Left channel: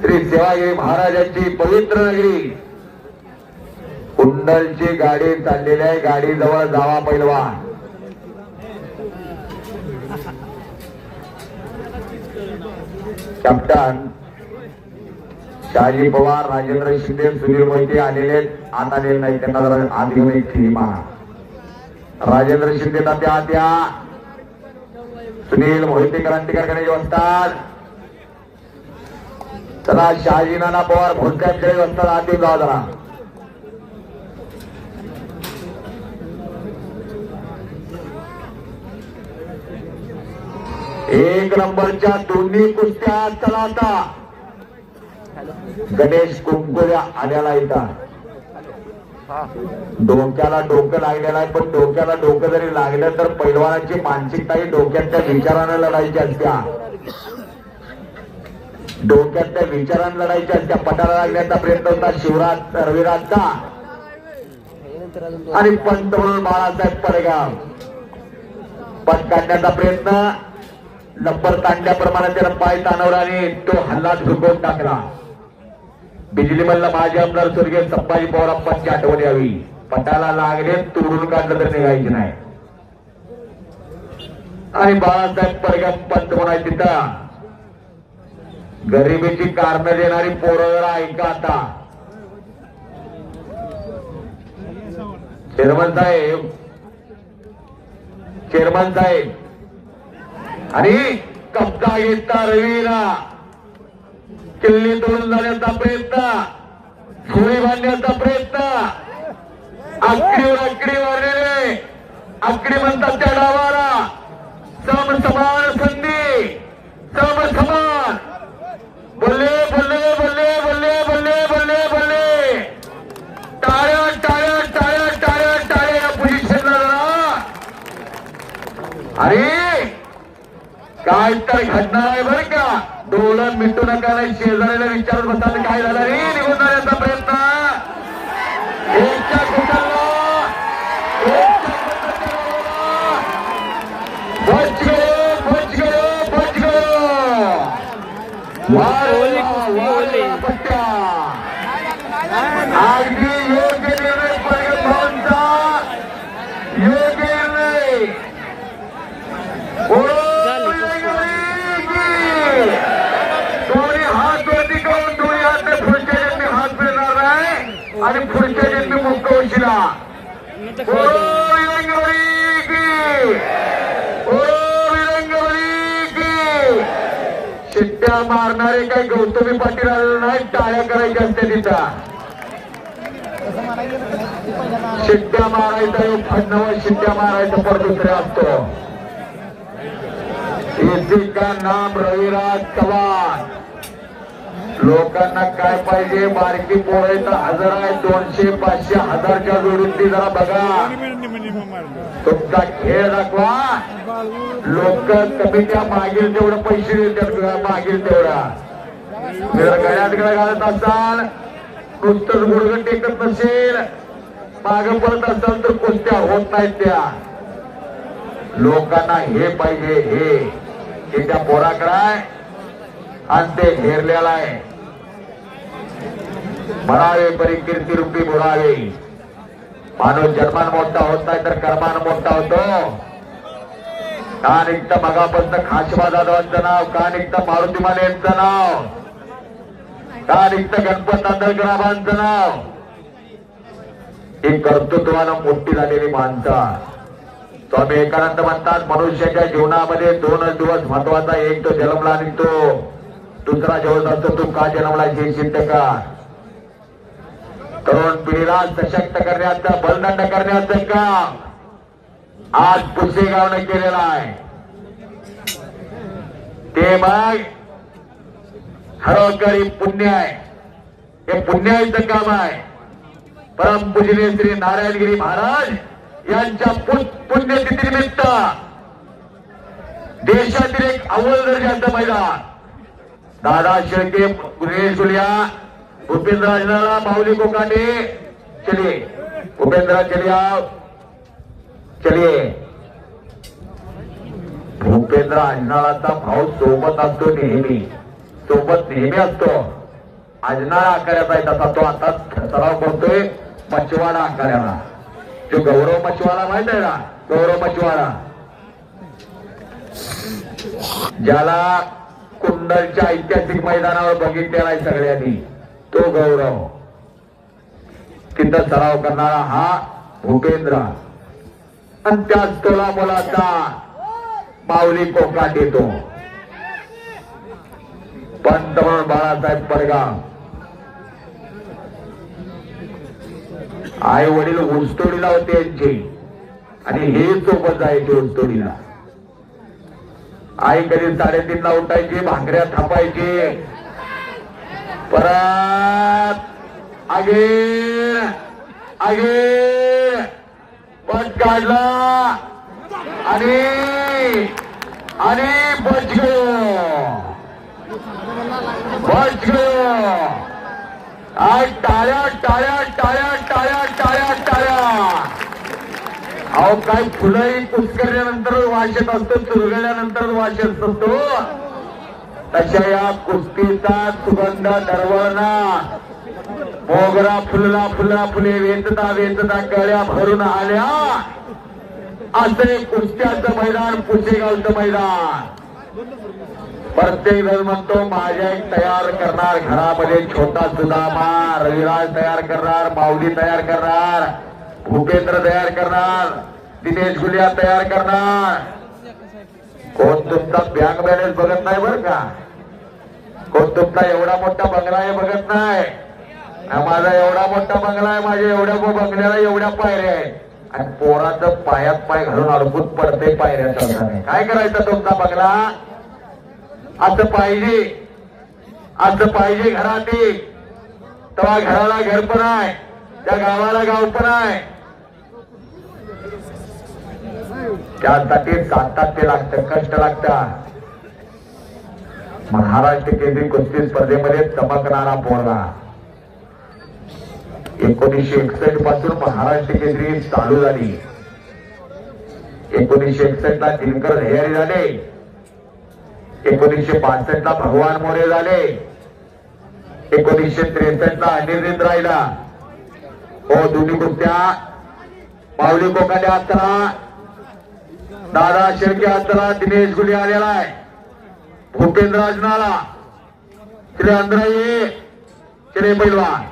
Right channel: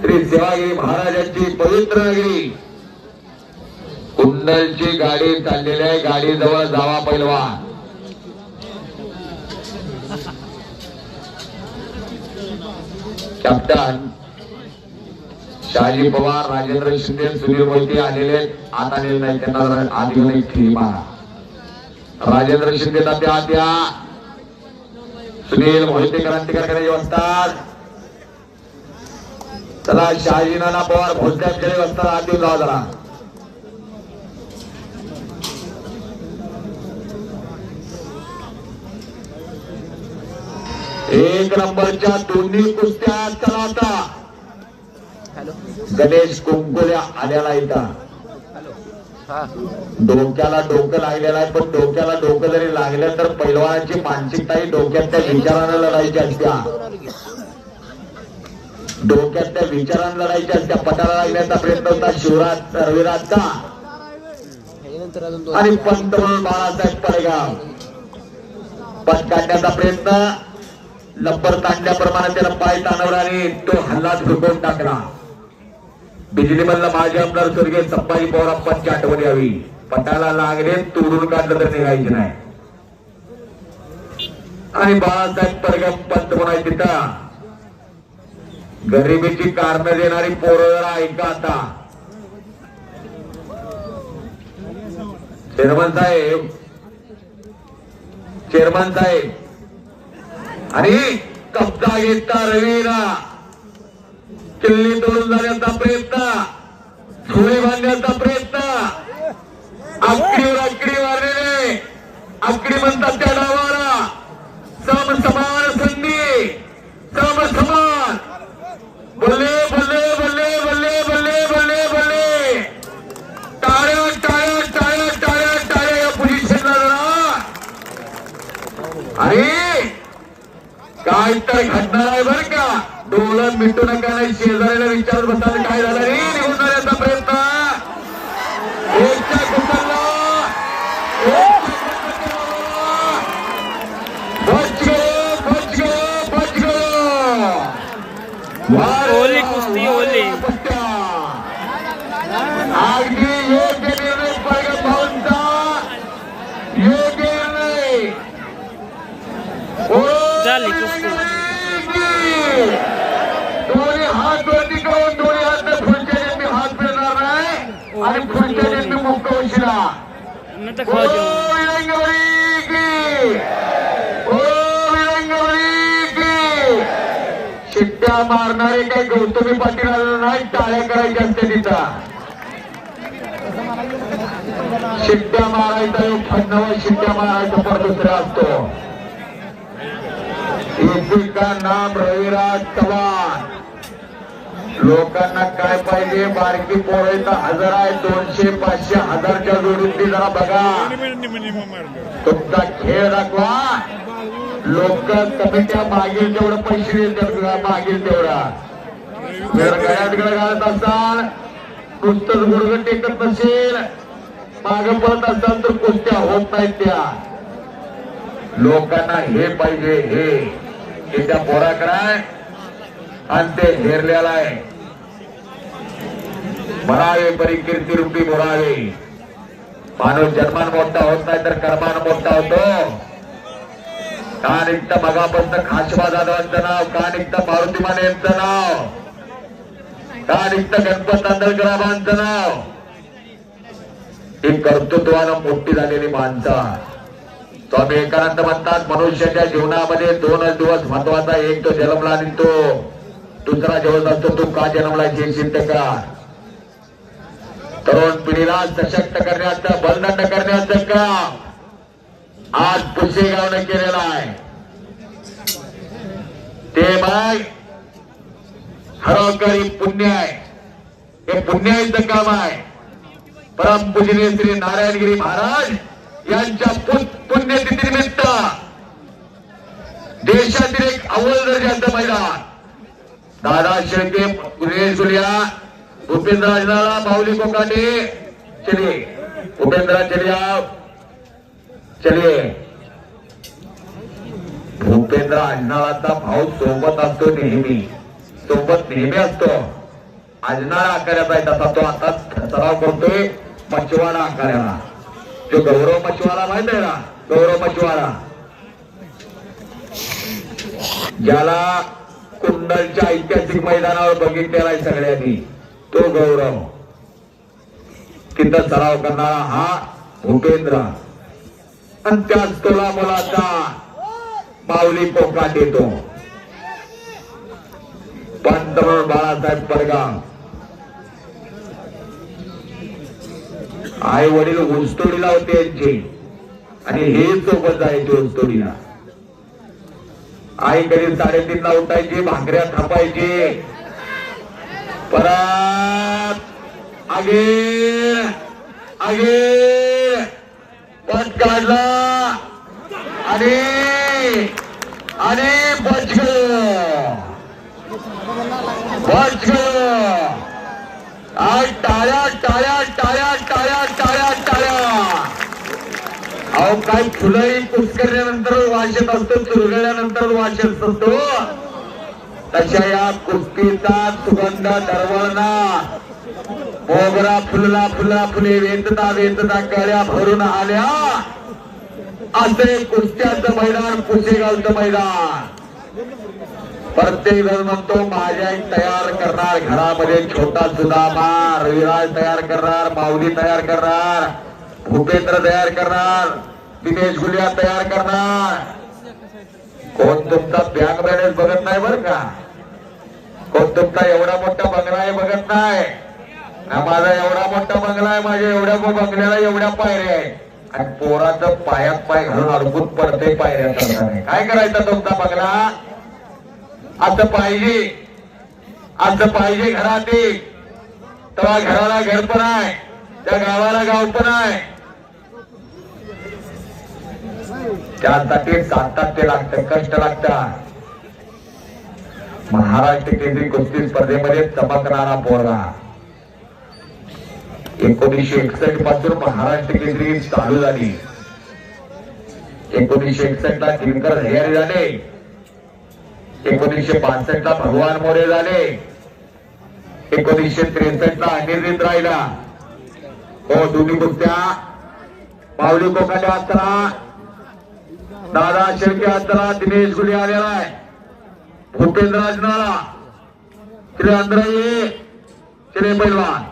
श्री सेवागिरी महाराजांची पवित्र नगरी कुंडलची गाडी चाललेली आहे. गाडी जवळ जावा पैलवा. कॅप्टन शहाजी पवार, राजेंद्र शिंदे, सुनील मोहिते आलेले आत आलेले नाही. त्यांना आधी खेळी राजेंद्र शिंदे त्या त्या सुनील मोहिते क्रांतिकारकांची असतात. चला शहाजी नाना पवार भोसल्यांकडे असतात. आधी जाऊ जरा. एक नंबरच्या दोन्ही कुस्त्या चला आता. गणेश कुंकुल्या आल्याला इथं डोक्याला डोकं लागलेलं आहे. पण डोक्याला डोकं जरी लागलं तर पैलवानाची मानसिकताही डोक्यातल्या विचारानं लढायची असत्या. डोक्यातल्या विचारानं लढायची असत्या. पटाला लागण्याचा प्रयत्न होता शिवराज रविराजचा आणि पंत म्हणून बाळासाहेब पडगाव. पद काढण्याचा प्रयत्न लंबर ताणल्याप्रमाणे त्याला पाय ताणवला आणि तो हल्ला झुकवून टाकला. बिजली मधला माझे आमदार स्वर्गीय संभाजी पवारांची आठवण यावी. पटाला लागले तोडून काढलं तर निघायचे नाही. आणि बाळासाहेब पडगाव पंत म्हणाय तिथं गरिबीची कारणं देणारी पोरं ऐका आता. चेअरमन साहेब आणि कब्जा घेतला रवीला. किल्ली तोडून जाण्याचा प्रयत्न, झोळे बांधण्याचा प्रयत्न, आकडी वाढलेले आकडी म्हणतात त्या डावाला. समान संधी, समान बोलले बोलले बोलले बोलले बोलले बोलले बोलले. टाळ्या टाळ्या टाळ्या टाळ्या टाळ्या या पोझिशनला. अरे काय तर घडणार नाही बरं का. डोलं मिटू नका नाही. शेजारीला विचारत बसताना काय झालं रे निघून जाण्याचा प्रयत्न. एकच्या कुटरला ओली कुस्ती ओली. अगदी योग्य निर्णय पडगावचा. योग्य निर्णय झाली कुस्ती. कोणी हात वरती करून दोन्ही हात पुढच्या जन्मी हात फिरणार नाही आणि पुढच्या जन्मी मुक्त होशीला. शिट्ट्या मारणारे काही गौतमी पाटील आलेले नाही. टाळ्या करायच्या असते तिथं. शिट्ट्या मारायचा एक शिट्ट्या मारायचा पर दुसरा असतो. इसी का नाम रविराज चव्हाण. लोकांना काय पाहिजे. बारकी पोरं तर 1000 आहे, 200, 500, 1000च्या जोडीतली जरा बघा. तुमचा खेळ दाखवा. लोक कमीच्या मागील तेवढं पैसे देतात. मागील तेवढा गळ्यात गळा घालत असाल, नुसतं गुडघे टेकत नसेल, मागे पडत असाल तर कुस्त्या होत नाहीत. त्या लोकांना हे पाहिजे. हे त्या पोराकडे आणि ते हेरलेला आहे. म्हणावे परी कीर्ती रूपी बोलावे. माणूस जन्मान मोठा होत नाही तर कर्मान मोठा होतो. का निघतं मगापासून खासबा जाधवांचं नाव, का निघतं मारुती माने यांचं नाव, का निघतं गणपत तांदळकरांचं नाव. ही कर्तृत्वानं मोठी झालेली माणसं. स्वामी विवेकानंद म्हणतात मनुष्याच्या जीवनामध्ये 2च दिवस महत्वाचा. एक तो जन्मला आणि तो दुसरा जेवत असतो तो का जन्मला हे सिद्ध का. तरुण पिढीला सशक्त करण्याचं, बलदंड करण्याचं काम आज पुसेगावने केलेलं आहे. ते मग खरोखरी पुण्य आहे. हे पुण्याचं काम आहे. परमपूजनीय श्री नारायणगिरी महाराज यांच्या पुण्यतिथीनिमित्त देशातील एक अव्वल दर्जाचं मैदान दादा शेळके पुणेशुलिया भूपेंद्र अजनाला माऊली कोकाटे चलिए. भूपेंद्र चलिए. भूपेंद्र अजनाळाचा भाऊ सोबत असतो. नेहमी असतो. आजनाळा आखाड्याचा आहे तसा तो आता सराव करतोय मच्छवाडा आखाड्याला. जो गौरव मच्छवाडा माहित आहे ना, गौरव मच्छवाडा ज्याला कुंडलच्या ऐतिहासिक मैदानावर बघितलेला आहे सगळ्यांनी, तो गौरव. तिथं सराव करणारा हा भूपेंद्र आणि त्याच तोला मुलाचा माऊली कोकणात येतो. पंतप्रधान बाळासाहेब परगाम आई वडील ऊसतोडीला होते यांचे आणि हे सोबत जायचे ऊसतोडीला. आई कधी 3:30ला उठायची, भाकऱ्या थापायची, परत आगे आगे पट काढला आणि बच गयो. आज टाळ्या टाळ्या टाळ्या टाळ्या टाळ्या टाळ्या. अहो काही फुलंही कुस्करल्यानंतर वाचत असतो, चुरगळल्यानंतर वाचत असतो. तशा या कुस्तीचा सुगंध दरवळणार. मोगरा फुलला फुलला फुले वेचता वेचता कळ्या भरून आल्या. असे कुस्त्याचं मैदान पुसेगावचं मैदान. प्रत्येक जण म्हणतो माझ्या एक तयार करणार, घरामध्ये छोटा सुदामा, रविराज तयार करणार, माऊली तयार करणार, भूपेंद्र तयार करणार, दिनेश गुलिया तयार करणार. कोण तुमचा बँक बॅलन्स बघत नाही बरं का, कोण तुमचा एवढा मोठा बंगला आहे बघत नाही. माझा एवढा मोठा बंगला आहे, माझ्या एवढ्या बंगल्याला एवढ्या पायऱ्या आहे आणि पोराचं पायात पाय घालून अडकून पडते पायऱ्या. काय करायचं तुमचा बंगला? असं पाहिजे, असं पाहिजे घरात. तेव्हा घराला घर पण आहे, त्या गावाला गाव पण आहे. त्यासाठी सातत्य लागतं, कष्ट लागतात. महाराष्ट्र केंद्रीय कुस्ती स्पर्धेमध्ये चमकणारा पोरगा. 1961 पासून महाराष्ट्र केंद्रीय चालू झाली. 1961 ला दिनकर हरियारी झाले, 1962 ला भगवान मोरे झाले, 1963 ला अनिर्णित राहिला. हो दोन्ही कुस्त्या माऊली कोकाटे असताना, दादा शेळके असताना दिनेश गुले आलेला आहे, भूपेंद्र आजनाला, श्री अंद्राई, श्री पैलवान.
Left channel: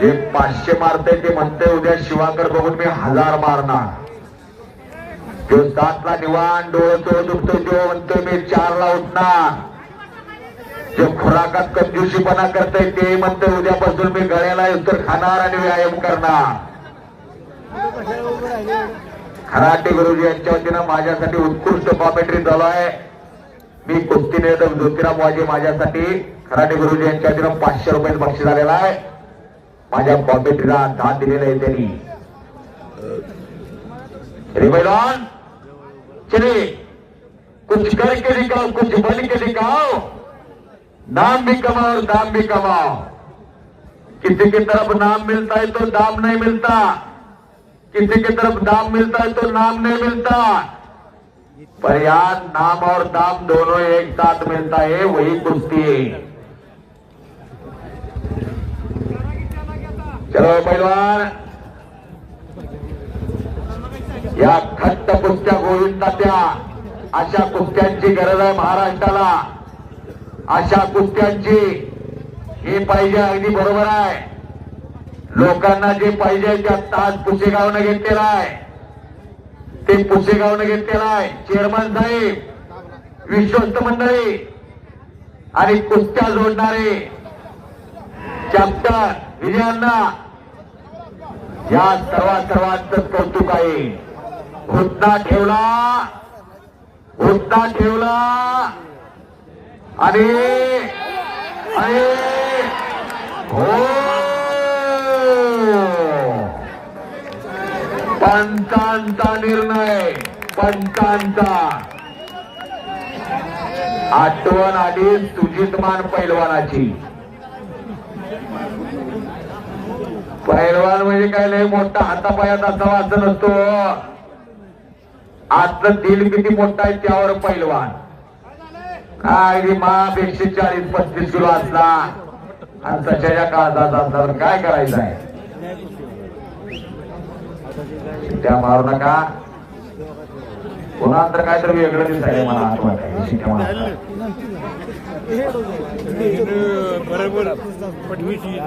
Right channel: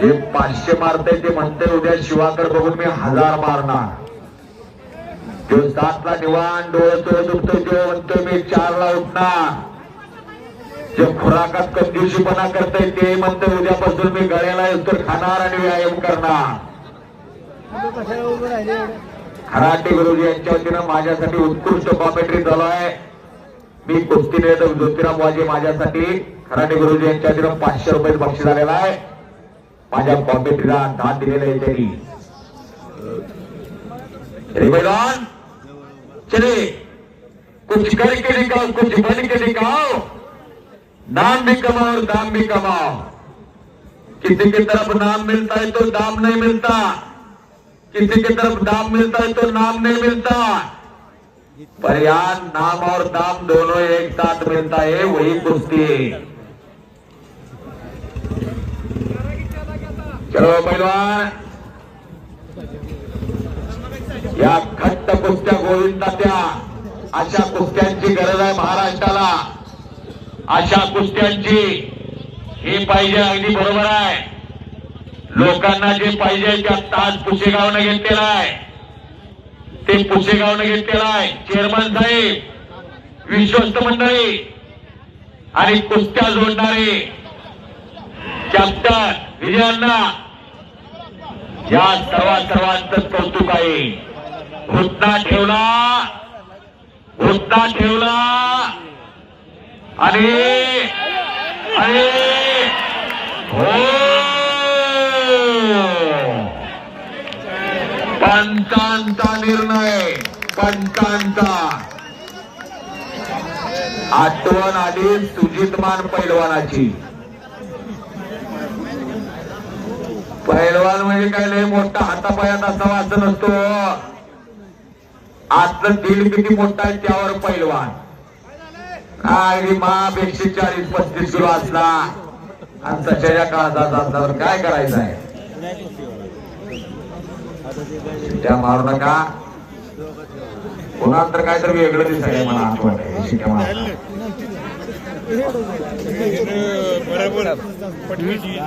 हे 500 मारते ते म्हणते उद्या शिवाकर बघून मी 1000 मारणार. जो 7 ला निवान डोळे चोळत उठतो तो म्हणतो मी 4 ला उठणार. जो खुराकात कंजूशीपणा करते ते म्हणते उद्यापासून मी गळ्याला उत्तर खाणार आणि व्यायाम करणार. खराटे गुरुजी यांच्या वतीनं माझ्यासाठी उत्कृष्ट कॉमेंट्री झाला आहे. मी कुस्ती निवेदक ज्योतिराम वाजे माझ्यासाठी खराटे गुरुजी यांच्या वतीनं 500 रुपये बक्षीस झालेला आहे. माझ्या कॉमेंट्रीला दाद दिलेला आहे त्यांनी. रिबेलॉन चले कुछ करके दिखाओ, कुछ बन के दिखाओ, नाम भी कमाओ दाम भी कमाओ. किसी की तरफ नाम मिलता है तो दाम नहीं मिलता, किसी की तरफ दाम मिलता है तो नाम नहीं मिलता. पर यार नाम और दाम दोनों एक साथ मिलता है, वही कुश्ती है. चलो पहलवान, या खट्ट कुस्त्या गोविंदाच्या अशा कुस्त्यांची गरज आहे महाराष्ट्राला. अशा कुस्त्यांची हे पाहिजे, अगदी बरोबर आहे. लोकांना जे पाहिजे त्यात ताज पुसेगावने घेतलेला आहे, ते पुसेगावने घेतलेला आहे. चेअरमन साहेब, विश्वस्त मंडळी आणि कुस्त्या जोडणारे कॅप्टन विजयांना या सर्वांचं कौतुक आहे. घुटना ठेवला, घुटना ठेवला आणि हो पंचांचा निर्णय, पंचांचा. आठवण आली सुजितमान पैलवानाची. पैलवान म्हणजे काय लय मोठा हातापायात असावा असं नसतो. आतलं दिल किती मोठा आहे त्यावर पैलवान. काय रे माप 140-35 किलो असला आणि सच्याच्या काळात असला तर काय करायचं आहे. त्या मारू नका पुन्हा तर काय तर वेगळं दिसायला मला आपण शिकवा.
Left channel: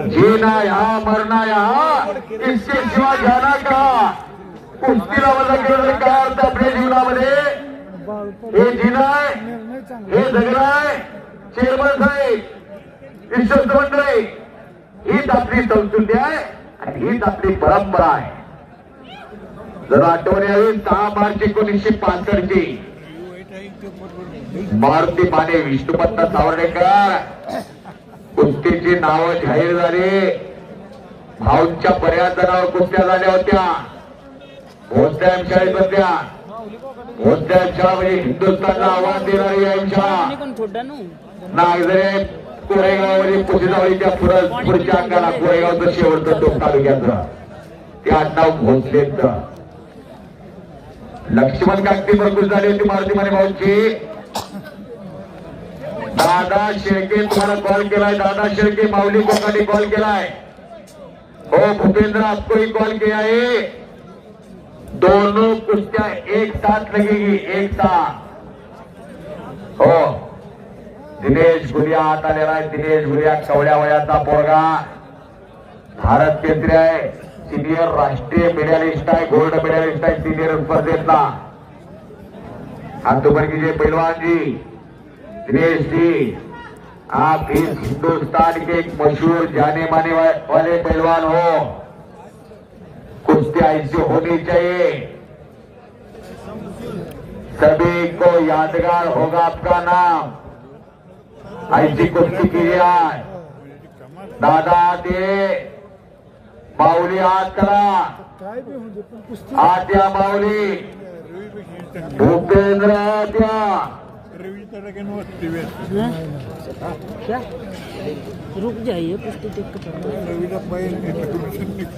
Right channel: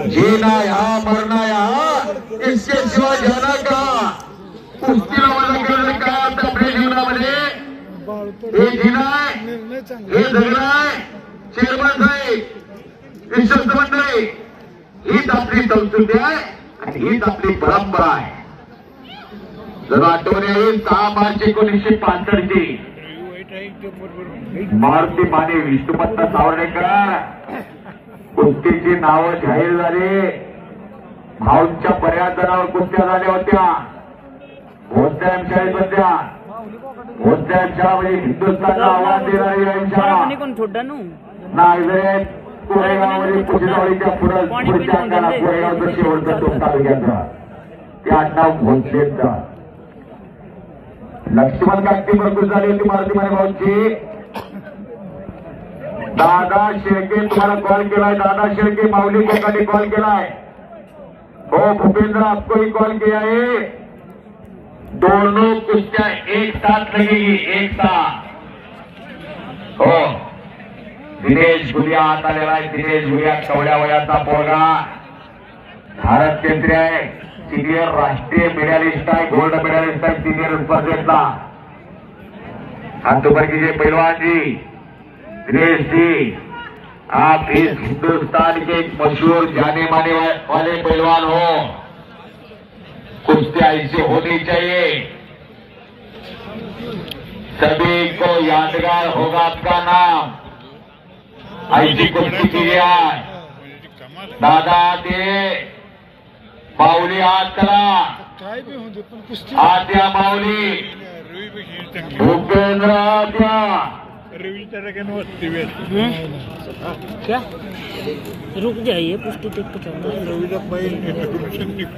जीना यहाँ मरना यहाँ इसके सिवा जाना का. कुस्तीला माझा केलेलं काय अर्थ आपल्या जीवनामध्ये. हे जीना आहे, हे जगणं आहे. चेअरमन साहेब, विश्वस्त मंडळी, हीच आपली संस्कृती आहे आणि हीच आपली परंपरा आहे. जर आठवण येईल 6 मार्च 1965 ची मारुती माने विष्णुपंत सावर्डेकर कुस्तीची नावं जाहीर झाली. भाऊंच्या बऱ्याच जणांवर कुस्त्या झाल्या होत्या. भोसले सध्या भोसल्यांच्या म्हणजे हिंदुस्थानला आव्हान देणारी यांच्या नागझरे कोरेगावमध्ये पुसेगावच्या पुढच्या अंगाला कोरेगावचं शेवटचं टोक तालुक्याचं ते आडनाव भोसलेंचं. लक्ष्मण कागदी प्रकृत झाली होती मारुती माने भाऊंची. दादा शेळके तुम्हाला कॉल केलाय. दादा शेळके माऊली कोकाने कॉल केलाय. हो भूपेंद्र आपकोही कॉल किया है. दोनों कुस्त्या एक साथ लगेगी, एक साथ. हो दिनेश गुलिया हात आलेला आहे. दिनेश गुलिया कवड्या वयाचा पोरगा भारत केंद्रीय आहे. सिनियर राष्ट्रीय मेडलिस्ट आहे. गोल्ड मेडलिस्ट आहे सिनियर स्पर्धेतला. अंतुबर्गी पहलवान जी दिनेश जी, आप इस हिंदुस्तान के मशहूर जाने माने वाले पहलवान हो. कुश्ती ऐसी होनी चाहिए, सभी को यादगार होगा आपका नाम. ऐसी कुस्ती कीजिए आज. दादा ते माऊली हात करा. आत्या माऊली भूपेंद्र आत्या. क्या रुक जाइए पुष्टि देख के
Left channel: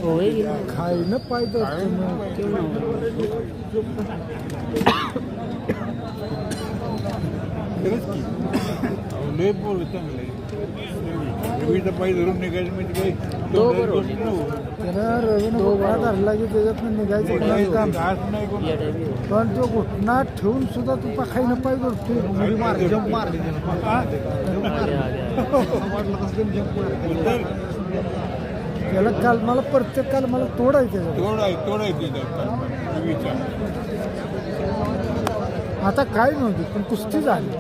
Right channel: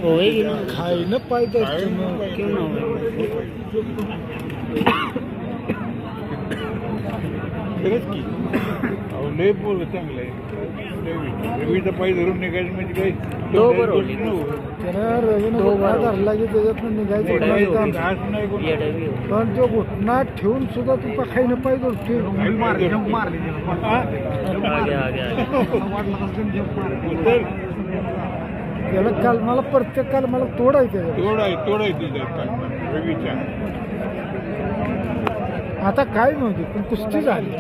होएगी ना. खाई ना पाई क्यों ना दो बार पण तो घुटना ठेवून सुद्धा तू खाई न पाहिजे. त्याला काल मला प्रत्येक काल मला तोडायचं. आता काय नव्हती पण कुस्ती झाली.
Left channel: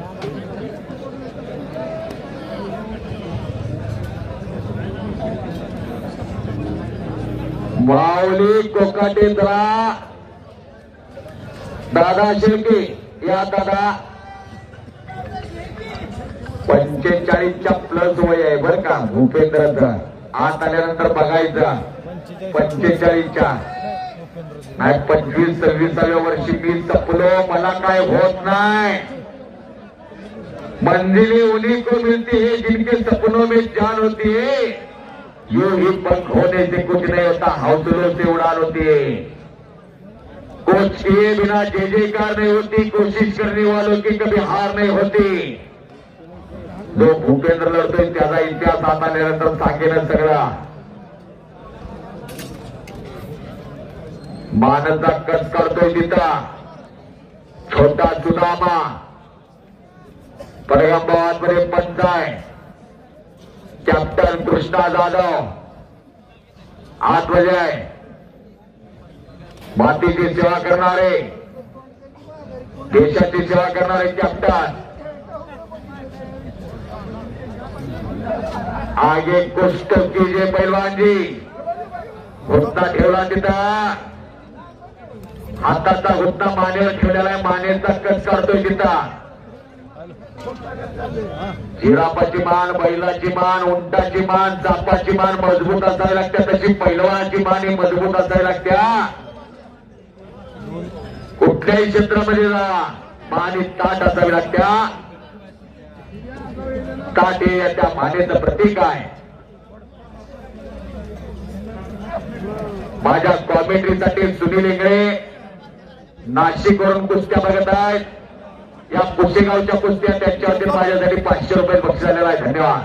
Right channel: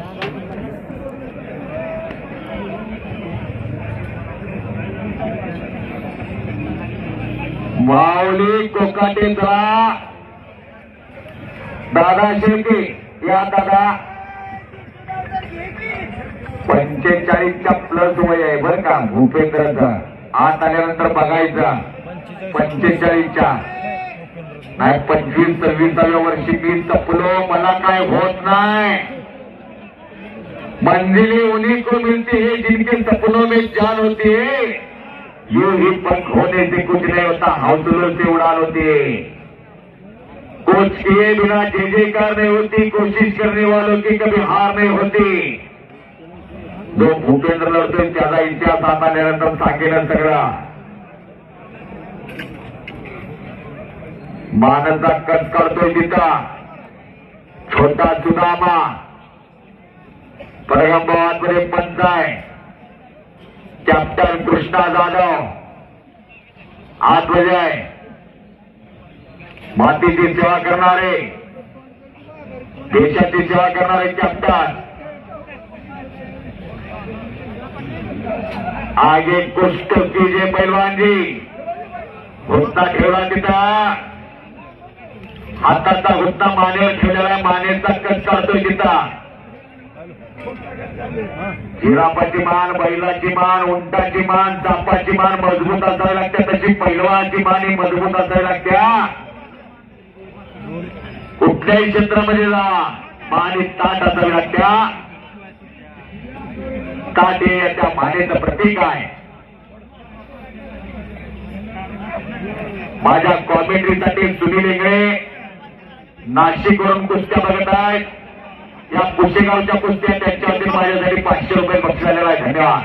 माऊली कोकाटेंद्रा दादा शेळके या दादा 45च्या प्लस वय आहे बरं का भूपेंद्रचं. आत आल्यानंतर बघायचं 45च्या नाही 25-26व्या वर्षी मी चपलो. मला काय होत नाही. मंजिली उन्हीं को मिलती है जिनके सपनों में जान होती है. यूं ही पंख होने से कुछ नहीं होता, हौसलों से उड़ान होती है. कोच किए बिना जय जयकार नहीं होती. कोशिश करने वालों की कभी हार नहीं होती. जो भूपेंद्र लढतोय त्याचा इतिहास आता निरंतर सांगेल सगळा. मानचा कट करतोय तिथं छोटा सुदामा. परगंबावादमध्ये पंच आहे कॅप्टन कृष्णा जाधव. आतमध्ये आहे मातीची सेवा करणारे, देशाची सेवा करणारे कॅप्टन. आगे कुछ तो कीजिए पहलवान जी. घुटना ठेवला तिथं. हाताचा घुटना मानेवर ठेवलेला. मानेचा कट करतोय तिथं. जिरापाची मान, बैलाची मान, उंटाची मान, चापाची मान मजबूत असावी लागते. तशी पैलवानाची मान ही मजबूत असावी लागते. कुठल्याही क्षेत्रामध्ये जा मान ही ताट असावी लागते. ताट हे त्या मानेचं प्रतीक आहे. माझ्या कॉमेंट्रीसाठी सुनील इंगळे नाशिकवरून कुस्त्या बघत आहेत. या कुशेगावच्या कुस्त्या त्यांच्यावरती माझ्यासाठी 500 रुपये बक्षीस झालेला आहे. धन्यवाद.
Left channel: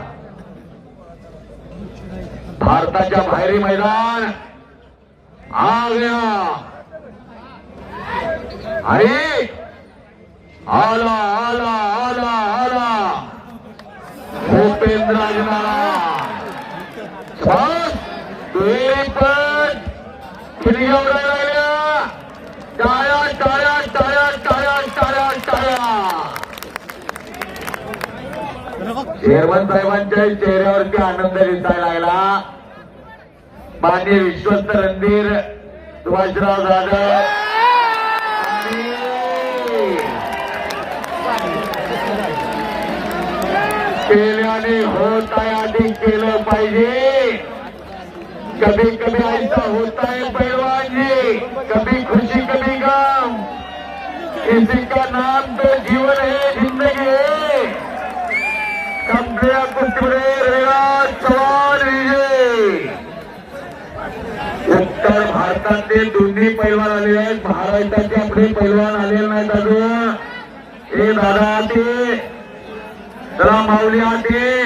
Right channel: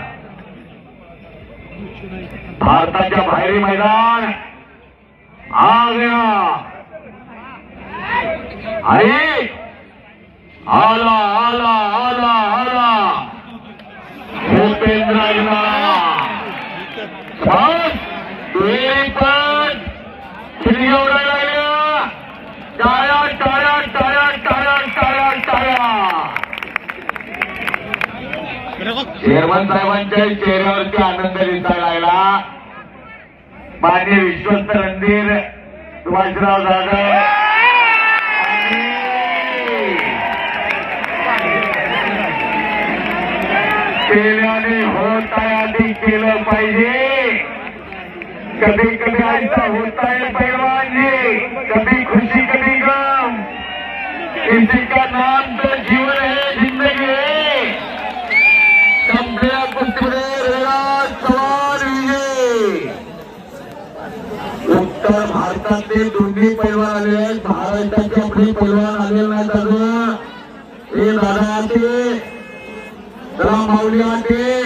भारताच्या बाहेरी मैदान आ गया आणि आला आला आला आला भूपेंद्र टाळ्या टाळ्या टाळ्या टाळ्या टाळ्या टाळ्या. चेअरमन साहेबांच्या चेहऱ्यावरती आनंद दिसायला लागला. मान्य विश्वस्त रणधीर सुभाषराव जाधव केल्याने होत आहे आधी केलं पाहिजे. कभी कभी ऐसा होता है पहलवान जी, कभी खुशी कभी गम, किसी का नाम तो जीवन है जिंदगी है. संपल्या कुस्तीमध्ये रेवाज चव्हाण विजय. उत्तर भारतातले दोन्ही पैलवान आलेले आहेत. महाराष्ट्राचे आपले पैलवान आलेले नाहीत अजून. हे दादा आते, चला माऊली आते.